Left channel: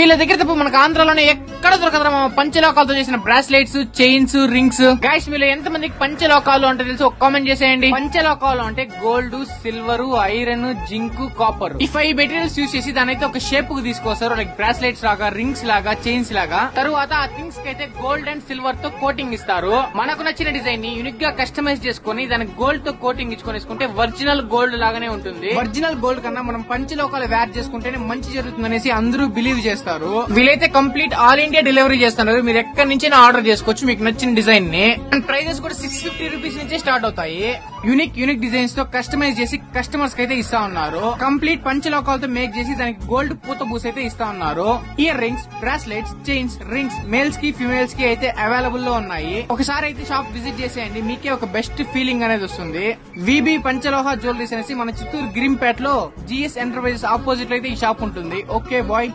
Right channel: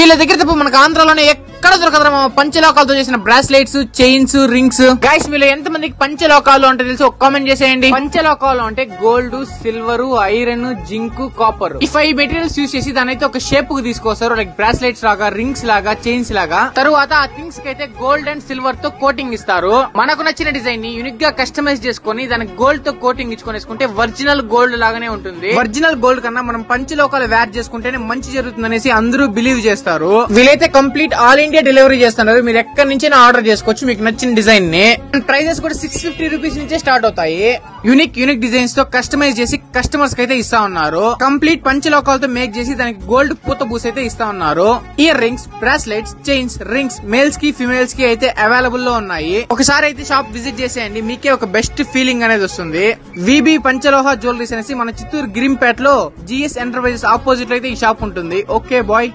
వీళ్ళ దగ్గర తప్ప మనకు ఆంధ్రాలోనే ఎక్కడ దొరకదు పంచలోకాలతో చేసిన బ్రాస్లెట్స్, చైన్స్, రింగ్స్. గైస్ మీలో ఎంత మందికి పంచలోకాలు అంటే తెలిసి ఒక కామెంట్ చేసేయండి. పంచలోకాలు అంటే gold, silver, iron, zinc, copper. ఈ 5 మెటీరియల్స్ యూజ్ చేసి దాని అయితే ఒక షేప్ కు తీసుకొస్తారు. లైక్ బ్రాస్లెట్స్ లాగా, రింగ్స్ లాగా, చైన్స్ లాగా. తరువాత ఆ థింగ్స్ కి అయితే గోల్డ్ అండ్ సిల్వర్ తో కోటింగ్ ఇస్తారు. మనకు నచ్చిన డిజైన్ ని యూనిక్ గా కస్టమైజ్ చేసుకుని దానికి గోల్డ్ తో కోటింగ్ ఇచ్చుకునేసుకుంటే ఒరిజినల్ గోల్డ్ లాగానే ఉంటుంది. ఒరిజినల్ గోల్డ్ కన్నా మనం పంచలోకాలు వేర్ చేసుకుంటేనే మంచి జరుగుతుందనేసి అందరూ బిలీవ్ చేస్తారు. వీలైతే కంప్లీట్ ఆల్ ఇండియా డెలివరీ చేస్తున్నారు. మీరు ఎక్కడి నుంచి ఆర్డర్ చేసుకోవచ్చు మీకు నచ్చిన డిజైన్ ని. ప్రైజెస్ కూడా 650 రూపీస్ నుంచే స్టార్ట్ అవుతాయి. యూనిక్ డిజైన్స్ తో కస్టమైజ్ చేసి కస్టమర్స్ కి అయితే ఇస్తా ఉన్నారు. కంప్లీట్ పంచలోకాలతో మేక్ చేసి దానికి గోల్డ్ పూత బూస్ అయితే ఇస్తా ఉన్నారు. Ear rings, bracelets, chains, rings males కి ఫిమేల్స్ కి అయితే అవైలబుల్ లో ఉన్నాయి. ఒకసారి అయితే షాప్ విజిట్ చేసేయండి, మీకే ఒక బెస్ట్ ఫీలింగ్ అనేది వస్తుంది. విబి పంచలోహ జ్యువెలరీస్ అనేసి మన చిత్తూరు గ్రీంపేట్ లో GS ఎంటర్ప్రైజెస్ ఆపోజిట్ అయితే ఈ షాప్ ఉంటుంది. Okay bye.